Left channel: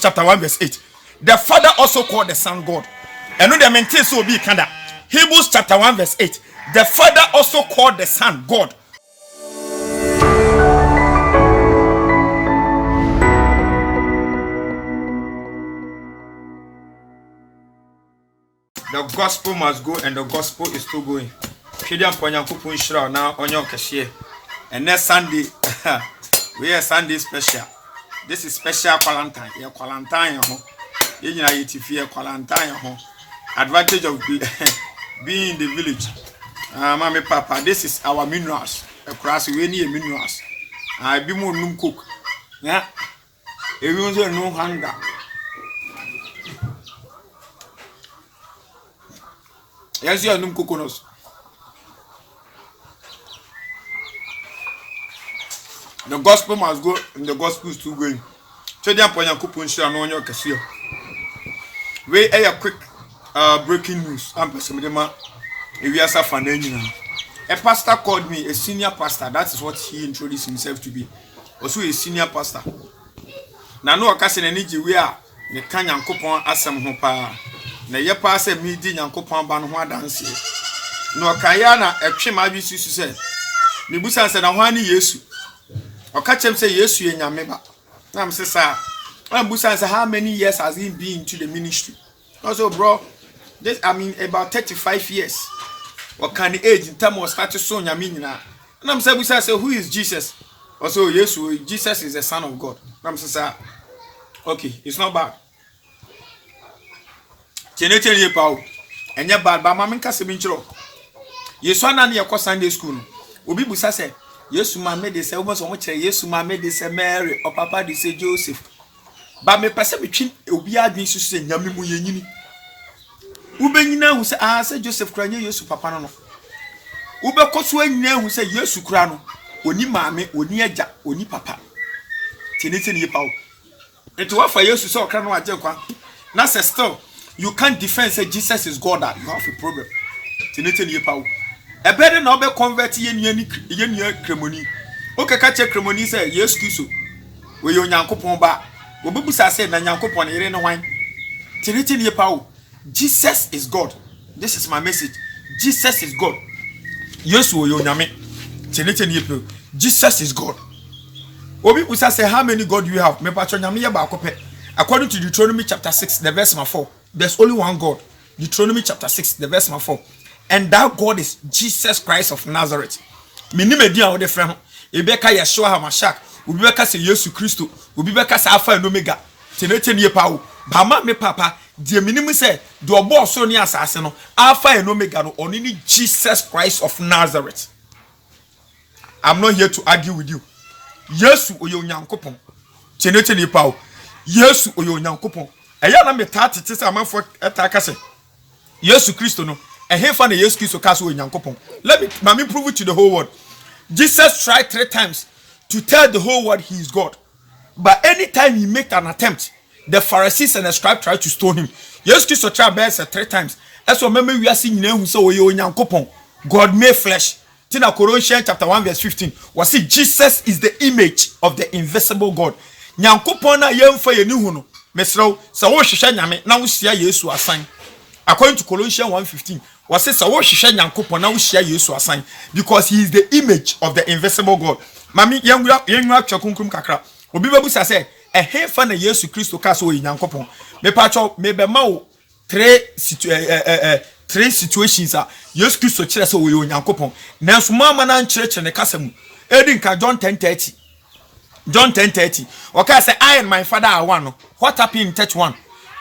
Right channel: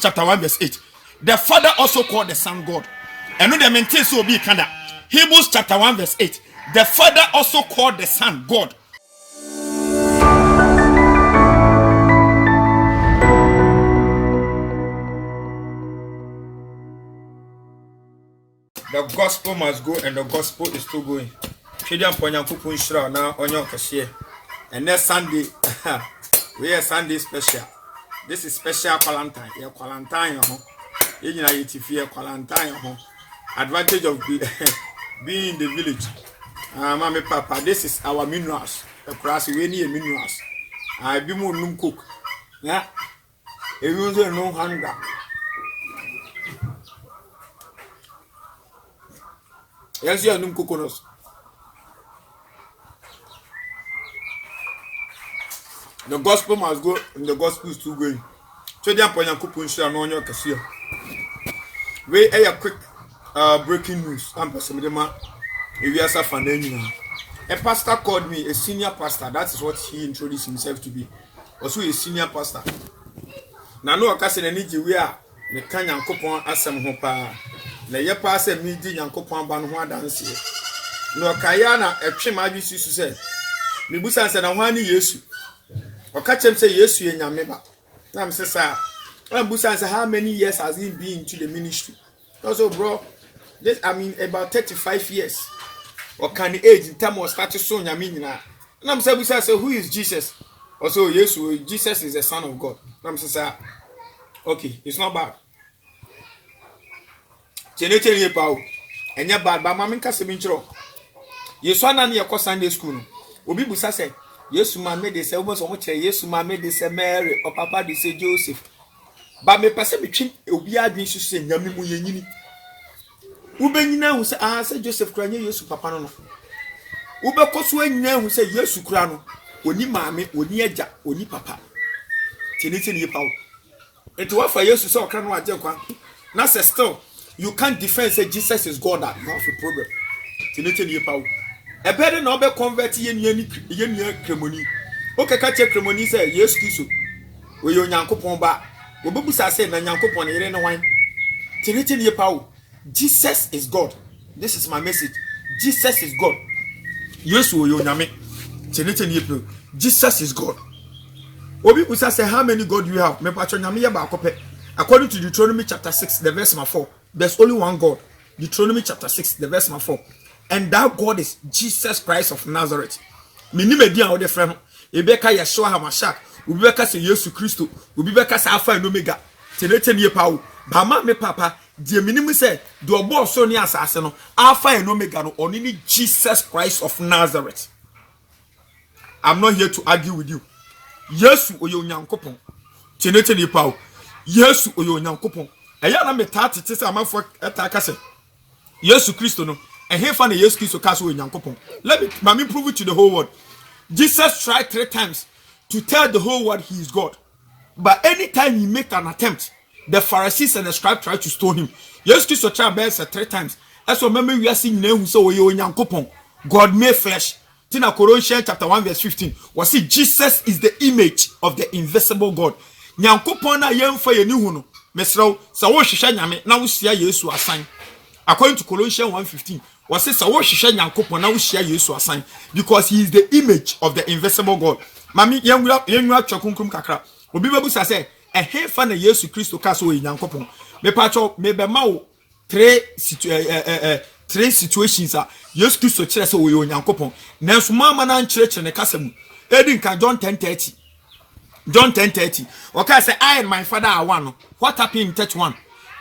chapter 1 verse 8. The Father also called the Son God. And no, the maintain so be kinda. Hebrews chapter 1 verse 8. The Father also called the Son God. The gospel must go, and the gospel is still going. Shediam Ponyankupu Nshra now on your cashier. And next Sunday, we are Sunday special. This is special quarantine. You're quarantine, you know, if you're quarantine, advantage of being in the village. Mommy, Papa, this is our minerals. Across we need minerals. I be more num cook. Yeah, everyone's no hunger. Yes, you are num coconuts. The gospel must go, and the gospel is still going. So, the Ponyankupu Nshra no on your cashier. We a quick breaking news. I'm Pesamidema. If you are suffering, a pastor called me, a senior pastor. That is what he introduced himself to be. Also, a senior pastor. Now, no occasion any we are the Kanyan coupon asem hopa. Na ye pass a midi Yankopon ban ho dance. No Kayana a trim I used to say. Nibusan said, I want Yesu. Or catch him say, Yesu, and Yameba. I'm say, Busan said, how many years has he been to the ministry? Also, bro, this, I mean, about 35 years. What kind of age in terms of status so Yamina? And I'm saying, Busan said, who is Jesus? Also, Yesu, Jesus is the Son of God. I'm saying, okay, it's not bad. Chenete ye pao enya bad ba ma menka se binchiro Yesu ana ne yakọ Sunday school no obi busa se Yesu ma me de se wo so mo kire Yesu ma me de se Mary o papa de se Joseph ba me pese betwi obi adwen su se nyame mu yenyini wo benyina hu se se Joseph kura nye Yesu papa no wo be koso anyina hu se Yesu kura no oni maame oni agya oni papa chenete ye pao eto wa fa Yesu se okra no agye kwa na se still you can't defend say Jesus is God. You have a problem. Tinete ni pawo. E bede na obe convert ye nua kremoni. O keka che kremoni say Yesu Kristo. We yo Nyankopon ba. Obebusa say na Nyankopon yere ne hwan. Tinete ni pawo. Jesus is God. This is my message. Jesus is God. Yesu yo nyame. Tinete ni pawo. Jesus is God. Obebusa say how many God do you have? Me pacho nyame ye ba akope. According to Deuteronomy chapter 6, the verse 4. There's only one God. Deuteronomy chapter 6, the verse 4. And that God is Jesus Christ of Nazareth. Minimedian of the frame. Ebeka Yeshua HaMashiach. Ubeka se Yesu Christo. Ubeka se Alpha and Omega. Tenete nye pao. Bama me papa. The minimum say, do a boss so near assassin. Alpha and Omega no only Jesus Christ of Nazareth. I'm not here to argue with you. Yesu oyo nyankopon. Tenete nye pao. Yesu oyo nyankopon. Eya na metati tese amanfo etaka se Yesu Kristo no ehemfa na Yesu Kristo ka so onyankopon. Let me prove it to the whole world. Jesus tried 3 times to tell the whole world he is God. But anytime he make an attempt, the Pharisees and the scribes tried to stone him. Yesu Kristo tried best 3 times. That's what remember we are seeing now so onyankopon. God made flesh. Tina Colossians chapter 1 verse 15. Was see Jesus is the image of the invisible God. Nyankopon na yemfa ye ni hu no. Mesro, so wo hwehwe nyame na wo sia Yesu asan. According to Colossians 1:15, was say so wo hwehwe Nyankopon na wo sia Yesu asan because he is the image of the invisible God. Mami yenwura twakunkum kakra. Obi babusa say ehemfa na Yesu Kristo ka so Nyankopon. Me pacho me be ma wo 3 situations a Yesu Kristo kire se wo Nyankopon. Nanso mama na nkyerechire ne kasa mu. Edi nka John 10:30. John 10:30. Okay, say I and my father are one. What happened in 31?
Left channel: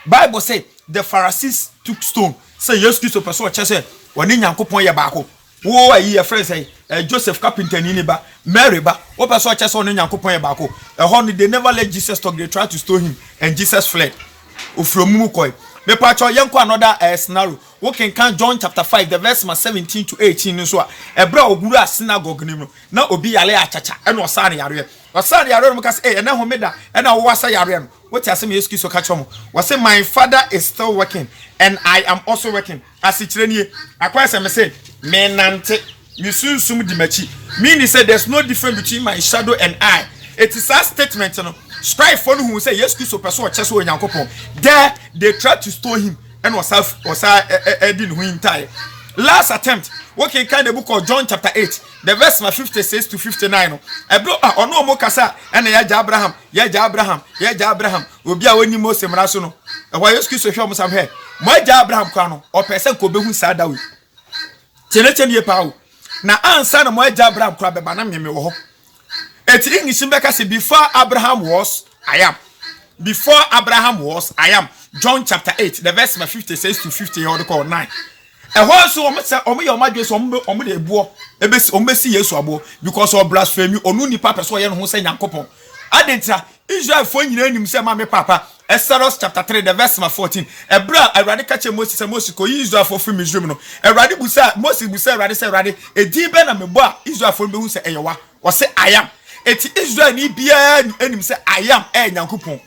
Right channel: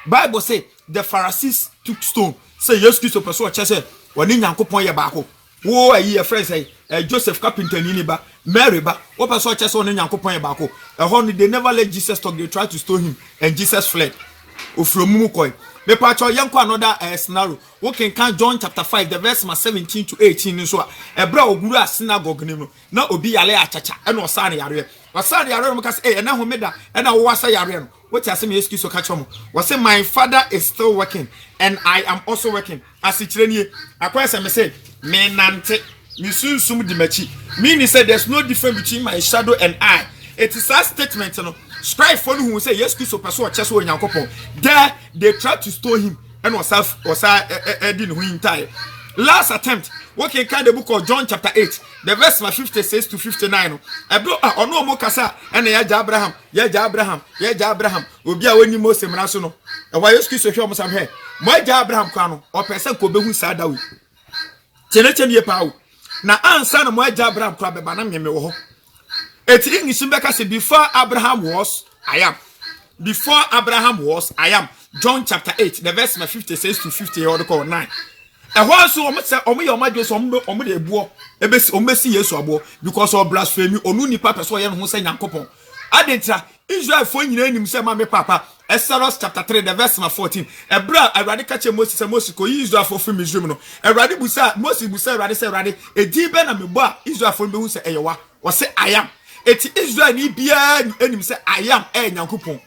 Bible say the Pharisees took stone. Say yes, Christo person say woni Nyankopon ye baako. Wo ayi your friend say Joseph carpenter ni ba, Mary ba. What person say woni Nyankopon ye baako. They never let Jesus talk. They tried to stone him and Jesus fled. Ofromu koi. Me pacho yenko another scenario. We can John chapter 5 the verse 17 to 18 so e bra oguru a synagogue nim na obi yale achacha e no sa na yare. Osari yare no because na homeda e na wo wasa yare no. What asem Yesu so catch mo. Was say my father is still working and I am also working. As it nie akwa say me say me nante Yusunsum di machi. Meaning say there's no difference between my shadow and I. It is a statement no. strive for who say yes Christ person chese o Nyankopon. There they tried to stone him and was didn't win tie. Last attempt, working kind the book of John chapter 8, the verse 56 to 59. A bro or no more kasa and Abraham, Abraham, will be a winning most embrasono. And why you excuse of almost have here. My Abraham Crano or person could be who sad away. Tenation ye pow. Now answer my Abraham crab banam me. It's English in Becca said before Abraham was, I am. Before Abraham was, I am. John chapter 8, the verse 56 to 50 or the call 9. And once your major some the boy, a best omesi yesu abo because of blasphemy or nuni papa so yen who say Yankopon. Adenta Israel for him say mama papa. Exodus chapter 3, the verse 14. A bra a radical Moses and Moses ko Israel for free Israel. A radical Moses busa radi say radi a diben and me boy Israel for me who say ewa or say I am. It's Israel ni bia enim say I am Yankopon.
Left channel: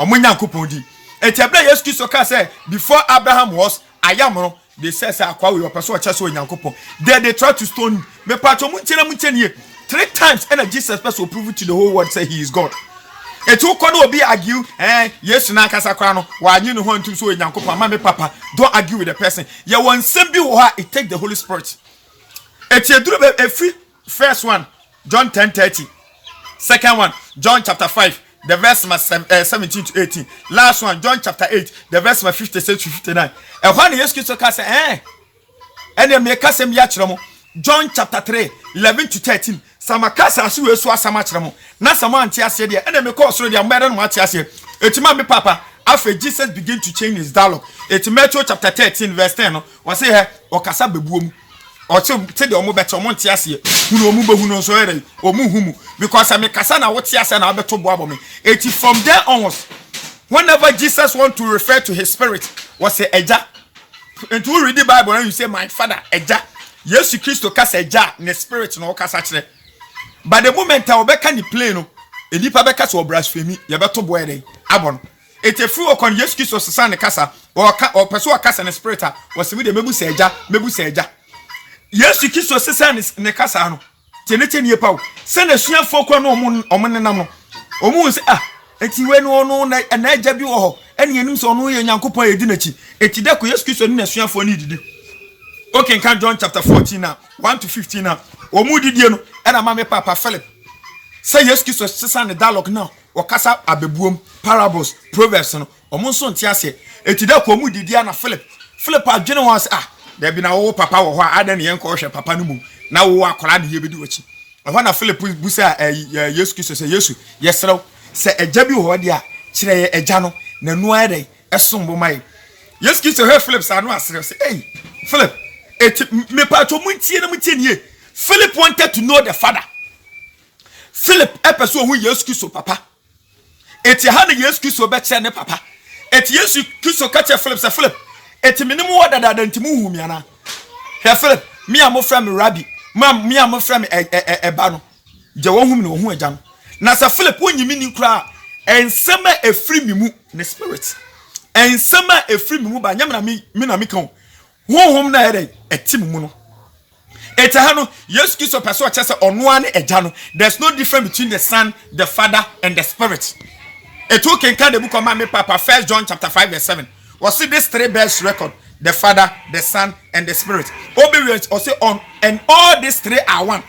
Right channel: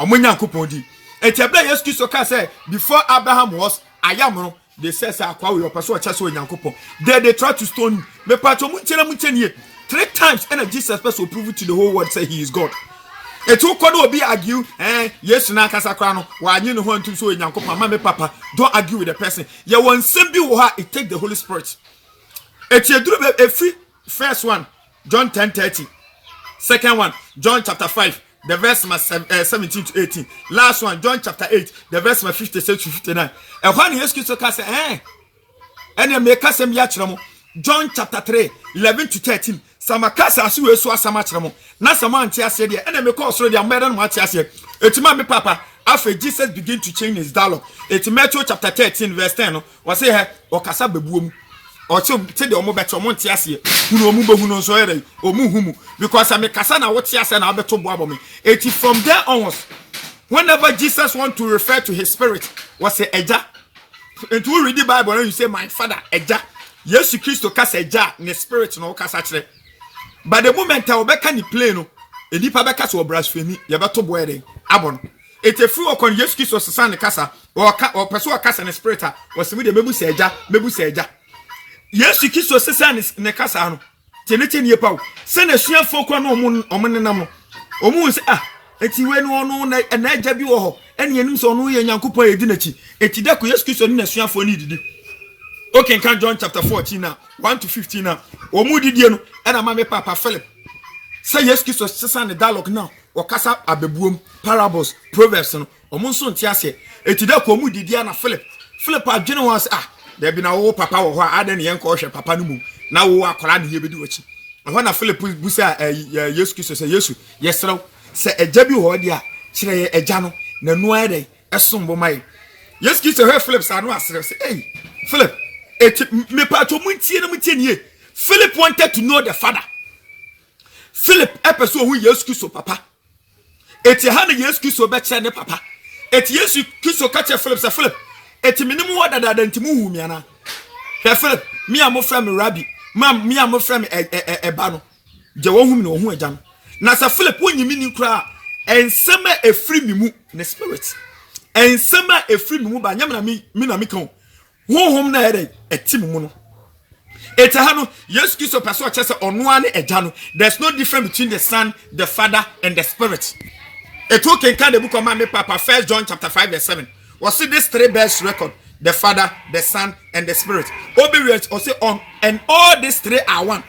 Omo Yankopon di. It's a bra yes Christ say before Abraham was I am. They say akwa we person chese o Nyankopon. There they try to stone him. Me pato munchenie 3 times and Jesus person prove it to the whole world say he is God. E to kodo obi argue yes na kasa kwa no wa anyi no ho ntum so Nyankopon ma me papa don't argue with the person. Ye won sem bi wo ha it take the Holy Spirit. E tie duro be free first one John 10:30. Second one John chapter 5 the verse 17 to 18. Last one, John chapter 8, the verse 56 to 59. And when yes Christ say, and then make us John chapter 3, 11 to 13. Samakasa su so asamachiramo. Na sama antia se de, and then make us ready and madam antia se. Etima me papa, after Jesus begin to change his dialogue. It's Matthew chapter 13, verse 10. Was say here, or kasa bebuum. Or to the omo better montiasie, who no mubo who no so or muhumu, because I make Kasana what yes and Alberto Bobomi. It from there onwards, whenever Jesus want to refer to his spirit, was a eja. And to read the Bible and you say, my father, eja. Yes, Christ cast eja in the spirit no casatre. But the moment I obeka ni pleno, a lipa beka so blasphemy, yabato boede, abon. It's a free or yes, Christ was the casa or person cast in the spirit was with the mebu seja. Yes, you kiss your sister in the Casano. Tenete ye pow. Send a sheer folk on Omonamo. Omus, and you went on and I jab you and you knew so no Yankupo dinity. Eti deco, yes, kiss your sheer for needed. Okay, can John chapter 14 now, 1 to 15 now. Omudi Diano, and a mamma papa Philip. Say yes, kiss your sister in the dialogue now, or Casa abebuum, parables, proverbs, or Monson Tiase. Eti deco mudi Diana Philip. Philip, our general was there be now papa or I don't yanko papa no mu. Now we are calling here be do it. And when a Philip busa yes Christ say yes, yes, sir. Say a jabi ho dia, chire a jano, na no ade, a sombo mai. Yes, Christ her Philip say no asre say, hey, Philip, it me pa to muntie ye. Philip wanted to know the father. Philip episode who yes Christ papa. Eti ha na yes Christ be ne papa. Eti yes Christ catch Philip say Philip. Eti minimum order that entimu hu mi ana. Here Philip, me am friend me rabbi. Me am friend eba no. Je wo hu mi no hu agya no. Na sa Philip wonyimi ni kura ensema efiri mi mu ne spirit. Ensema efiri mi mu ba nyam na mi na mi kan. Honhom na ere etim mu no. Eti ha no Yesu Kristo person chese ono ane agya no. There's no difference between the son, the father and the spirit. Eto kenka the book of my papa 1 John chapter 5 verse 7. Was see this 3 bears record, the Father, the Son, and the Spirit. Obedience or say on, and all these 3 are one.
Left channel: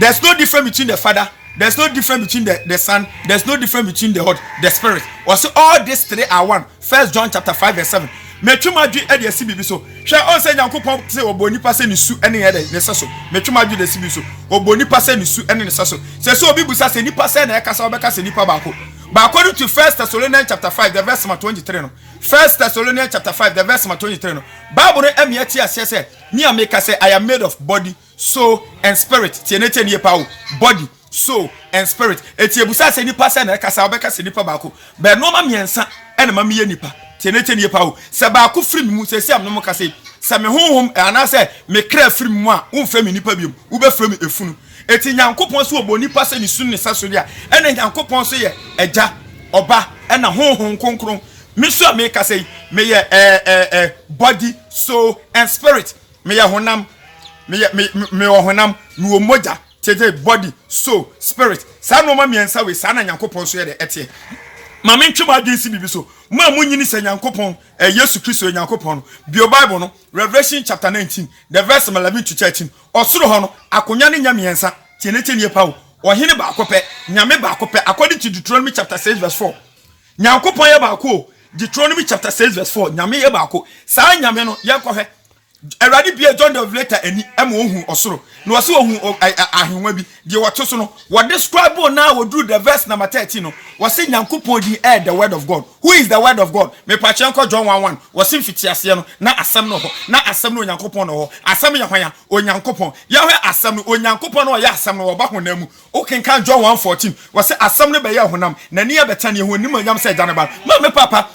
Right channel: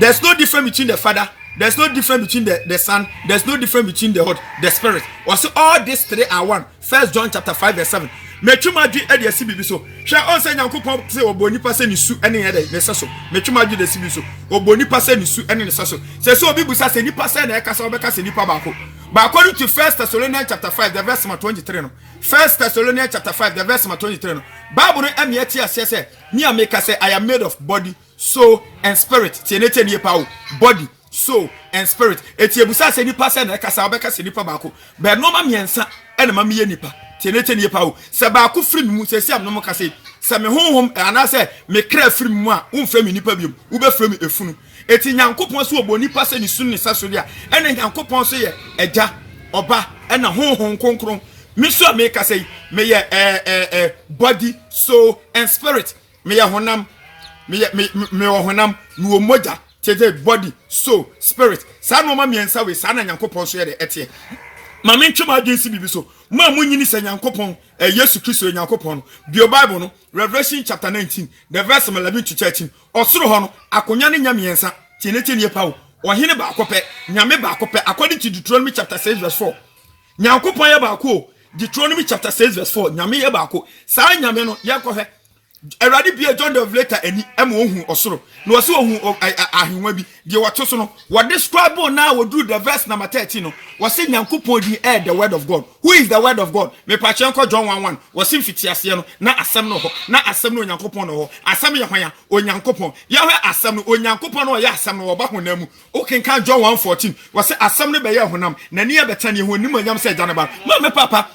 There's no difference between the Father, there's no difference between the Son, there's no difference between the Spirit. Or say all these 3 are one. 1 John chapter 5 verse 7. Metuma di edi asibi so. Hwe on say Nyankopon say oboni pase ni su ene ede ne saso. Metuma di de sibi so. Oboni pase ni su ene ne saso. Say so obi busa say ni pase na e kasa obeka say nipa baako. But according to 1 Thessalonians chapter 5 the verse 23 no. 1 Thessalonians chapter 5 the verse 23 no. Bible no emieti ase say me ameka say I am made of body, soul and spirit. Tienete ni pa body, soul and spirit. Eti ebusa say nipa say na e kasa obeka say nipa baako. But no ma miensa ene ma miye nipa. Tenete ni pa o se ba ko firi mu se am no mo ka se me honhom ana se me kra firi mu a wo mfra me nipa biom wo be fira me efunu eti Nyankopon so obo nipa se ni sun ni saso ya ena Nyankopon so ye eja oba ena honhom konkron me so me ka se me ye body, soul and spirit. Me ye honam me honam no moja tete body soul spirit saa no ma miensa we saa na nyankopon so ye de etie ma mentwe ma agensi bibi so ma munyini se nyankopon Yesu Kristo nyankopon bio Bible no Revelation chapter 19 the verse 11 to 13 osoro ho no akonya ne nya miensa tienete ne pa wo ohene ba akopɛ nyame ba akopɛ according to Deuteronomy chapter 6 verse 4 nyankopon ye ba ako Deuteronomy chapter 6 verse 4 nyame ye ba ako saa nyame no ye kɔhwɛ Eradi bia John the Revelator eni ema ohun osoro na wose ohun ahwenwa bi de woto so no what describe na wo do the verse number 13 no wose nyankopon di the word of God. Who is the word of God? Me pa chenko John 1:1 wose mfiti ase no na asem no ho na asem no onyankopon no ho asem ye hwan onyankopon ye hwe asem no onyankopon no ye asem no wo ba honam mu o kenkan John 1:14 wose asem no be ye honam na ne ye betane ho nim anyam se janaba ma me papa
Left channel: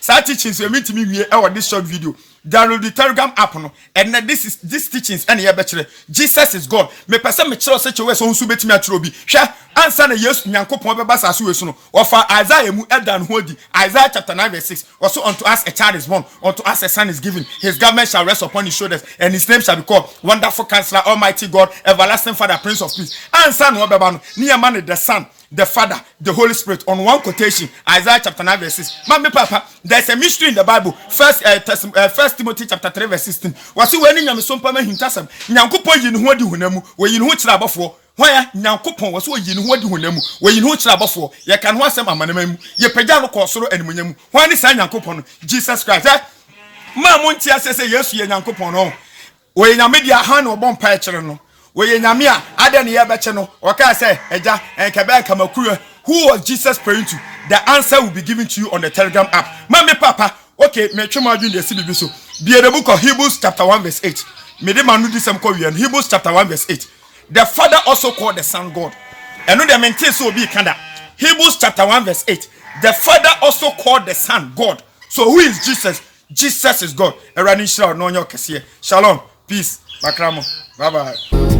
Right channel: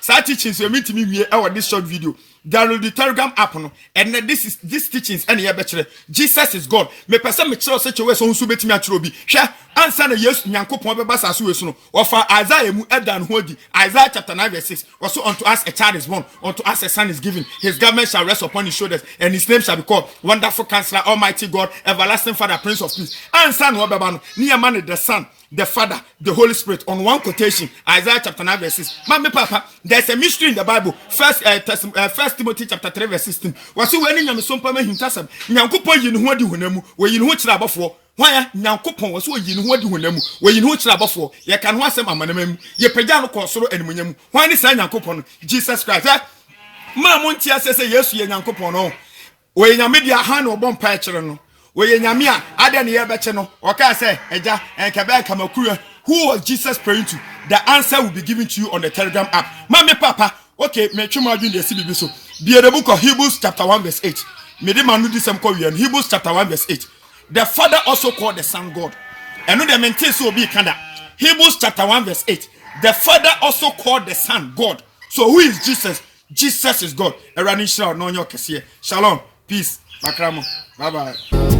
sa teachings we meet me wie e this short video download the Telegram app no and this teachings and ye be Jesus is God me pese me kire se chewe so nsu betimi akire obi hwe ansa na Yesu nyankopon be basa so we so no ofa Isaiah mu edan ho di Isaiah chapter 9 verse 6 also unto us a child is born unto us a son is given his government shall rest upon his shoulders and his name shall be called Wonderful Counselor, Almighty God, Everlasting Father, Prince of Peace. Ansa no be ba no near man the Son, the Father, the Holy Spirit on one quotation Isaiah chapter 9 verse 6. Mama papa, there's a mystery in the Bible. First Timothy chapter 3 verse 16. Was you when nyame sompa ma hintasam nyankopon yi ne ho adi honamu we yi ne ho kira abofo hwan nyankopon was yi ne ho adi honamu we yi ne ho kira abofo ye kan ho asem amanamamu ye pagya no kosoro animunyamu hwan ni sa nyankopon no Jesus Christ ma monti asese Yesu ye nyankopon no we nyame dia han no bon pa kire no we nyame a ade ne ye beche no o ka say eja enkebe kamakuru. Who was Jesus praying to? The answer will be given to you on the Telegram app. Mama papa, okay, me twema adwun de sibibi so. Be the book of Hebrews chapter 1 verse 8. Me de manu disem ko wi Hebrews chapter 1 verse 8. The Father also called the Son God. Eno de maintain so obi kanda. Hebrews chapter 1 verse 8. The Father also called the Son God. So who is Jesus? Jesus is God. Erani shira no nyo kese. Shalom. Peace. Makramo. Bye bye.